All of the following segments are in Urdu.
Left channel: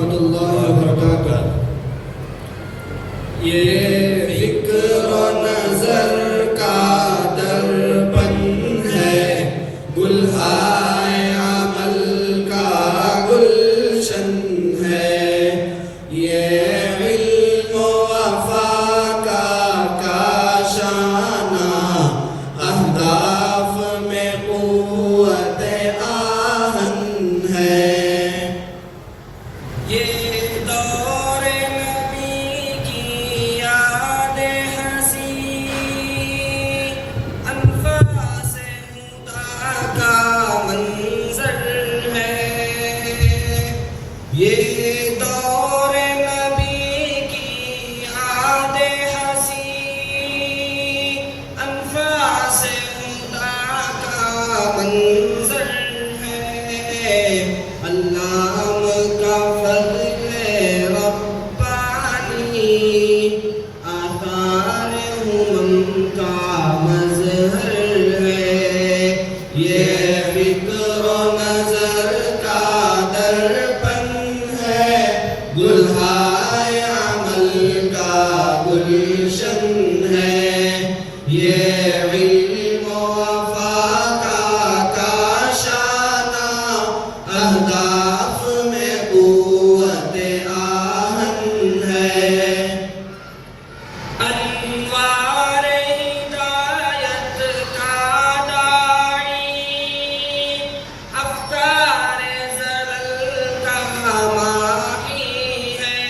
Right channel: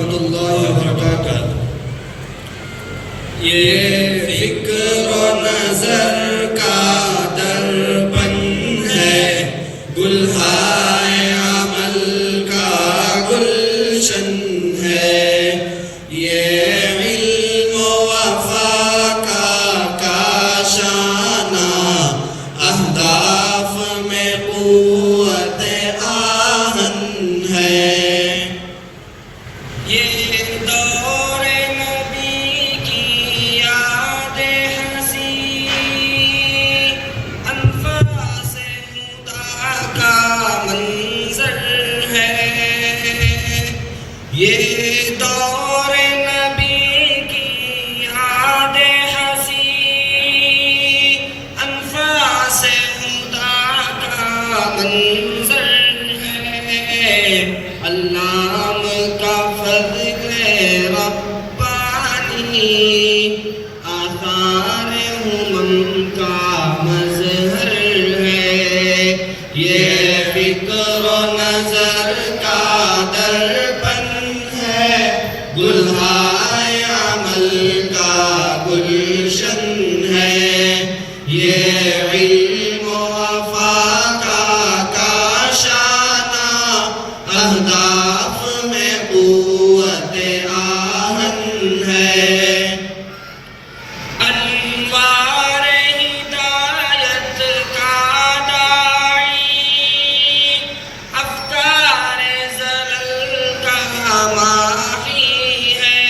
ورحمۃ اللہ وبرکاتہ۔ یہ فکر و نظر کا درپن ہے، گلہائے عمل کا گلشن ہے، یہ علم و وفا کا کاشانہ، اہداف میں قوت آہن ہے۔ یہ دور نبی کی یاد ہنسی، انفاس خدا کا منظر ہے۔ یہ دور نبی کی یاد ہنسی، انفاس خدا کا منظر ہے۔ علام کا فضل ربانی، آثار ہمم کا مظہر ہے۔ یہ فکر و نظر کا درپن ہے، گلہائے عمل کا گلشن ہے، یہ علم و وفا کا کاشانہ، اہداف میں قوت آہن ہے۔ انوار ہدایت کا داعی، افکار زلل کا ماحی ہے۔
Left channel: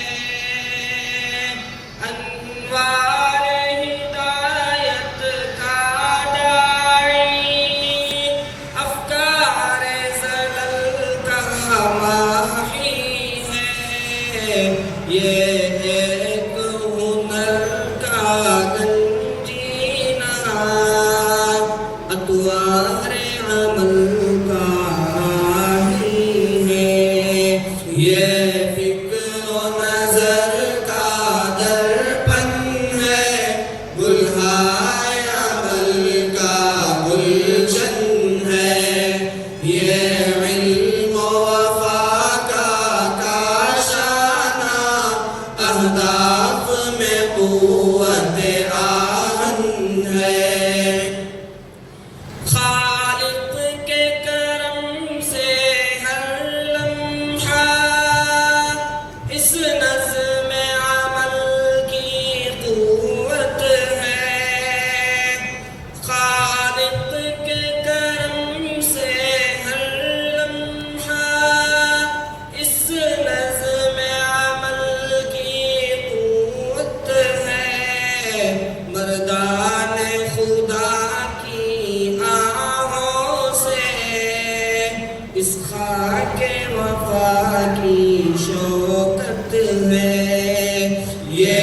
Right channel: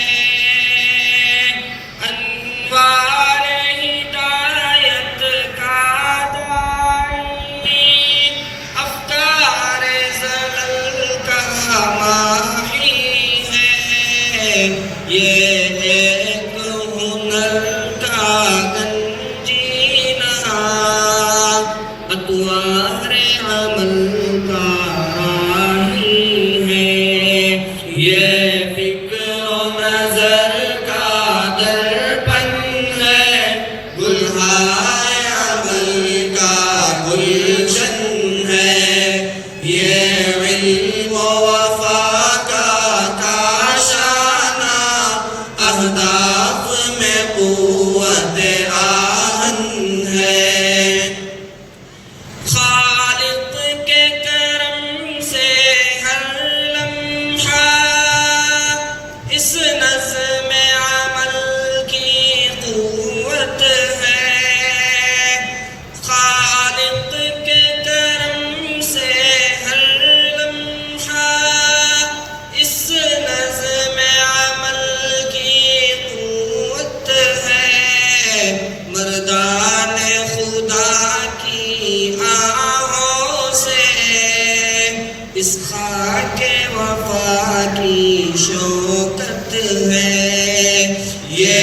انوار ہدایت کا داعی، افکار زلل کا ماحی ہے۔ یہ ایک ہنر کا گنجینہ، اطوار عمل کا راہی ہے۔ یہ فکر و نظر کا درپن ہے، گلہائے عمل کا گلشن ہے، یہ علم و وفا کا کاشانہ، اہداف میں قوت آہن ہے۔ خالق کے کرم سے ہر لمحہ اس نظم عمل کی قوت ہے۔ خالق کے کرم سے ہر لمحہ اس نظم عمل کی قوت ہے۔ مردان خدا کی آہوں سے اس خاک وفا کی شوکت ہے۔ یہ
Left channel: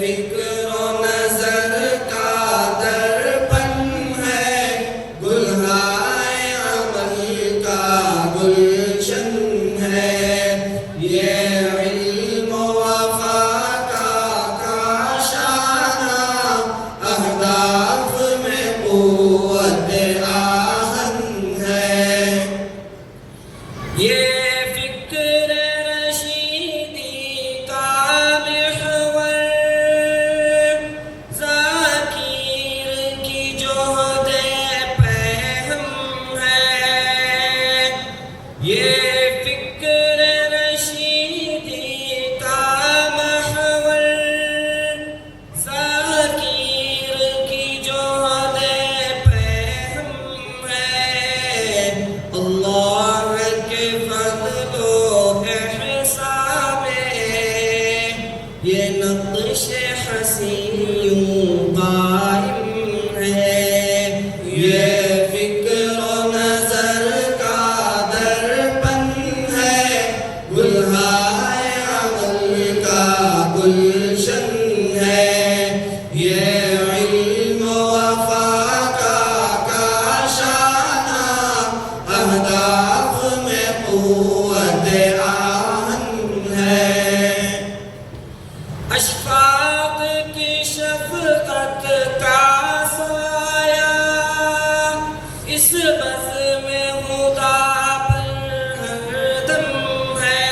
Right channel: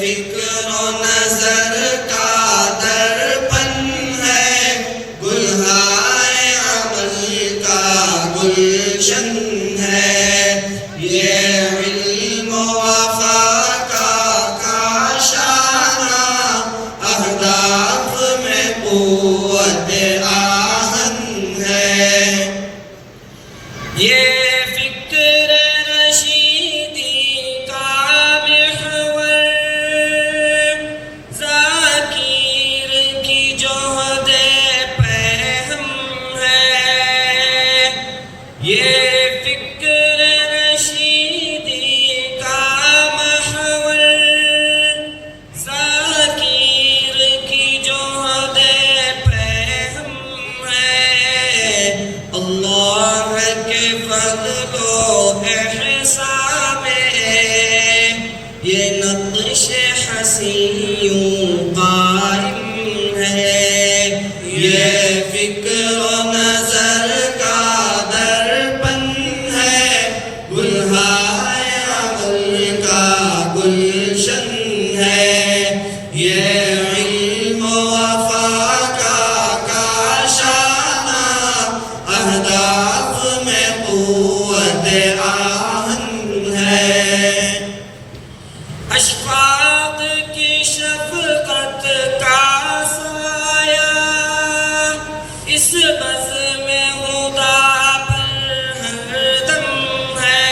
فکر و نظر کا درپن ہے، گلہائے عمل کا گلشن ہے، یہ علم و وفا کا کاشانہ، اہداف میں قوت آہن ہے۔ یہ فکر رشیدی کا محور، ذاکر کی جہد پہم ہے۔ یہ فکر رشیدی کا محور، ذاکر کی جہد پہم ہے۔ اللہ کے فضل و احسان میں یہ نقش حسین یوں قائم ہے۔ یہ فکر و نظر کا درپن ہے، گلہائے عمل کا گلشن ہے، یہ علم و وفا کا کاشانہ، اہداف میں قوت آہن ہے۔ اشفاق کی شفقت کا سایہ اس بزم خدا پر ہر دم ہے۔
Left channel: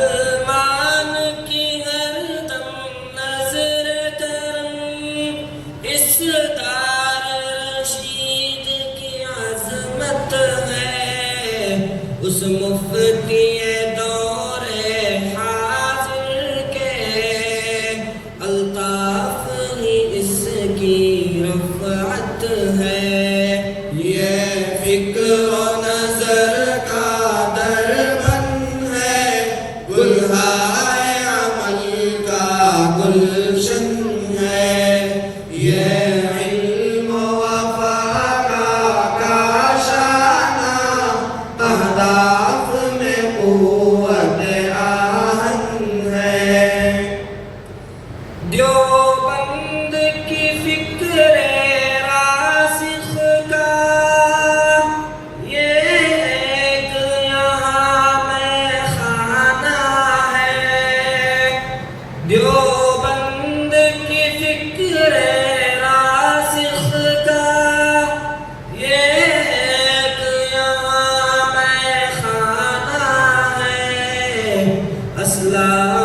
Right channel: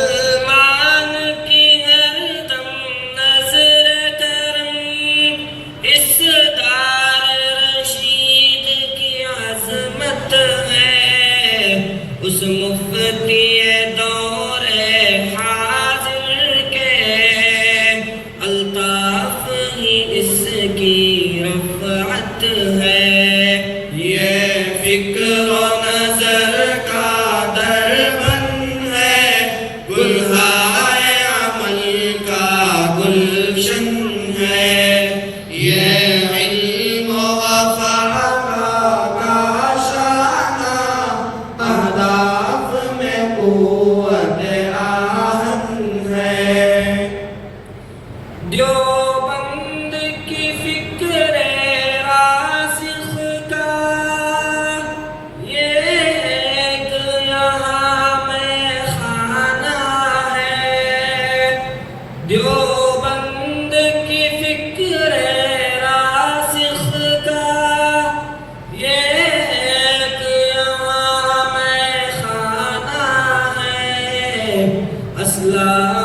مسلمان کی ہر دم نظر کرم اس دار رشید کی عظمت ہے، اس مفتی دور حاضر کے الطاف ہی اس کی رفعت ہے۔ یہ فکر و نظر کا دربن ہے، گلہائے عمل کا گلشن ہے، یہ علم و فہم کا کاشانہ اہداف میں قوت آہن ہے۔ دیوبند کی فکر راسخ کا یہ ایک یہاں میں خانہ ہے، دیوبند کی فکر راسخ کا یہ ایک یہاں میں خانہ ہے، اسلام